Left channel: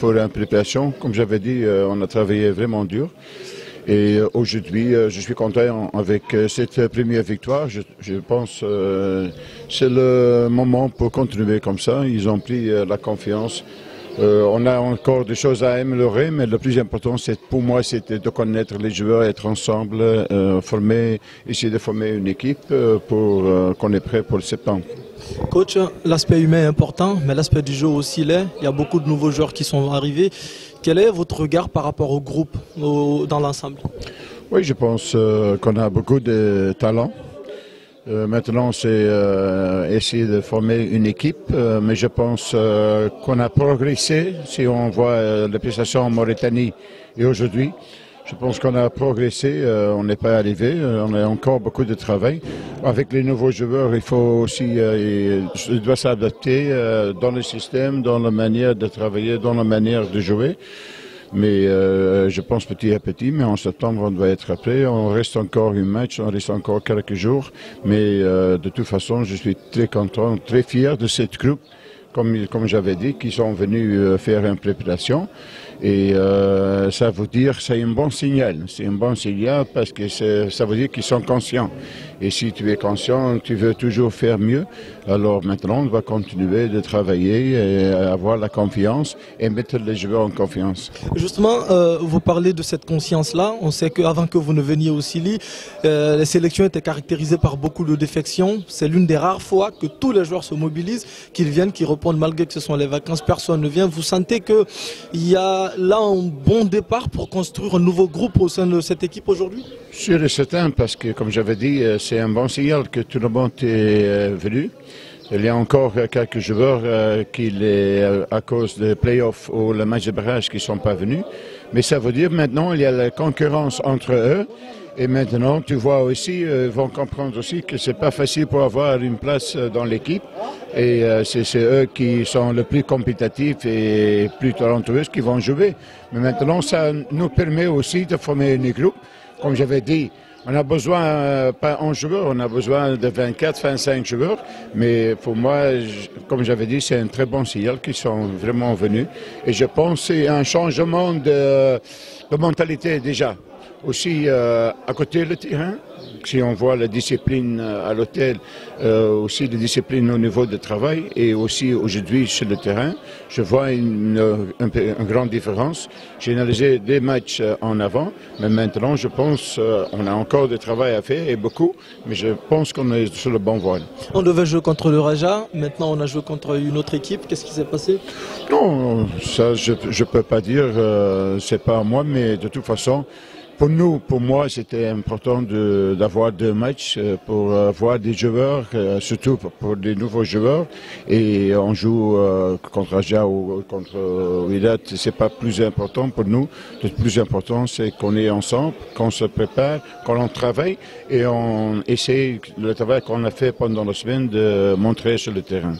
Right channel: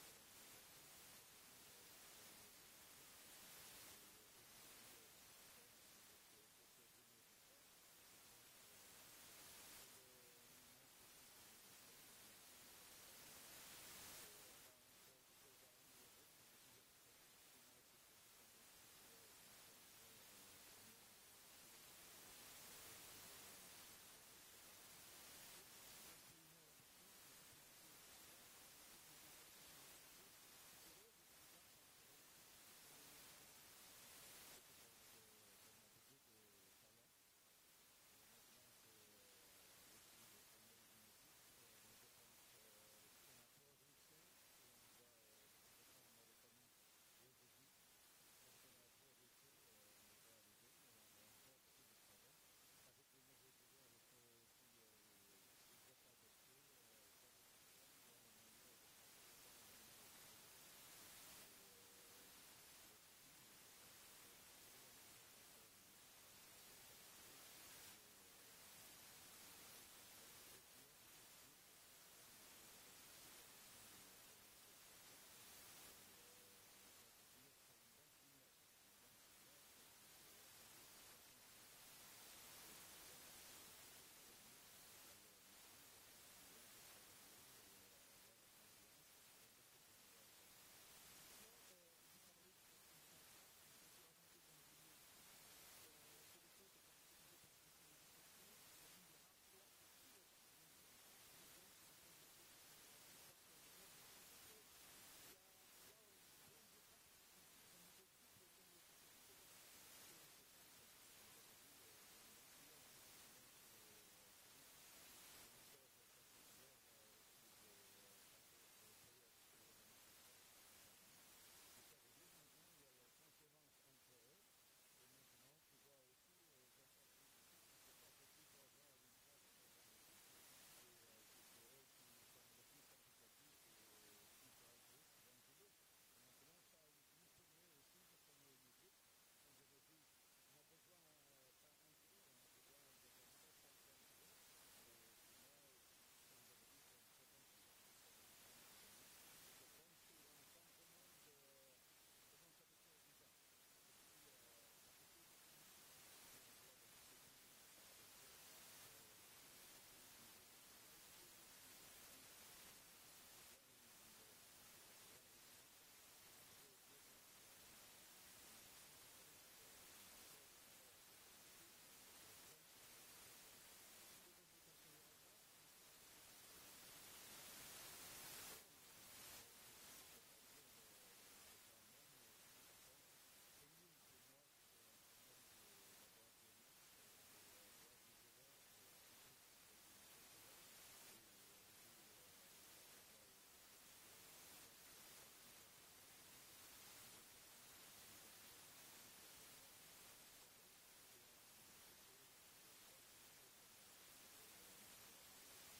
pour une préparation. Comme j'avais dit, on a travaillé vraiment dur. Et aujourd'hui, je suis content avec cette première victoire. Je pense que c'est le moment pour continuer comme ça. Ils ont pris la confiance. On a encore des choses à améliorer, mais le plus important, pour moi, c'était de connaître les joueurs, être ensemble, essayer de former une équipe pour qu'on est prêt pour le septembre. Coach, l'aspect humain est important, mais l'aspect du jeu aussi l'est. Il y a beaucoup de nouveaux joueurs qui sont arrivés. Quel est votre regard par rapport au groupe, dans l'ensemble? Oui, je pense qu'on a beaucoup de talent. Maintenant, c'est essayer de former une équipe, mais je pense qu'on a progressé. Si on voit les prestations en Mauritanie et aujourd'hui, je pense qu'on a progressé, on n'est pas arrivé, on a encore beaucoup de travail. Avec les nouveaux joueurs, il faut aussi, il doit s'adapter dans le système, dans la manière de travailler, dans la manière de jouer. Mais je pense petit à petit, mais en septembre, on doit être prêt. On reste encore un match, on reste encore quelques jours. Mais de toute façon, je suis très content, très fier de cette groupe, comme j'avais dit, qui sont venus faire une préparation. Et ça veut dire que c'est un bon signal. C'est un bon signal parce que ça veut dire qu'ils sont conscients. Et si tu es conscient, tu veux toujours faire mieux. Alors maintenant, on va continuer de travailler et avoir la confiance et mettre les joueurs en confiance. Justement, vous parlez de cette conscience-là. On sait qu'avant que vous ne veniez au Sili, les sélections étaient caractérisées par beaucoup de défections. C'est l'une des rares fois que tous les joueurs se mobilisent, qu'ils viennent, qu'ils répondent malgré que ce sont les vacances. Personne ne vient. Vous sentez qu'il y a là un bon départ pour construire un nouveau groupe au sein de cette équipe aujourd'hui? Sûr et certain, parce que comme j'avais dit, c'est un bon signal que tout le monde est venu. Il y a encore quelques joueurs qui, à cause des playoffs ou le match de barrage, qui ne sont pas venus. Mais ça veut dire maintenant il y a la concurrence entre eux. Et maintenant, tu vois aussi, ils vont comprendre aussi que ce n'est pas facile pour avoir une place dans l'équipe. Et c'est eux qui sont les plus compétitifs et plus talentueux qui vont jouer. Mais maintenant, ça nous permet aussi de former une groupe. Comme j'avais dit, on a besoin, pas 11 joueurs, on a besoin de 24, 25 joueurs. Mais pour moi, comme j'avais dit, c'est un très bon signal qu'ils sont vraiment venus. Et je pense que c'est un changement de mentalité déjà. Aussi, à côté du terrain, si on voit la discipline à l'hôtel, aussi la discipline au niveau du travail et aussi aujourd'hui sur le terrain, je vois une grande différence. J'ai analysé des matchs en avant, mais maintenant je pense qu'on a encore du travail à faire et beaucoup, mais je pense qu'on est sur le bon voie. On devait jouer contre le Raja, maintenant on a joué contre une autre équipe. Qu'est-ce qui s'est passé? Non, ça je ne peux pas dire, c'est pas à moi, mais de toute façon, pour moi, c'était important d'avoir 2 matchs pour voir des joueurs, surtout pour des nouveaux joueurs. Et on joue contre Raja ou contre Wydad, c'est pas plus important pour nous. Le plus important, c'est qu'on est ensemble, qu'on se prépare, qu'on travaille et on essaie le travail qu'on a fait pendant la semaine de montrer sur le terrain.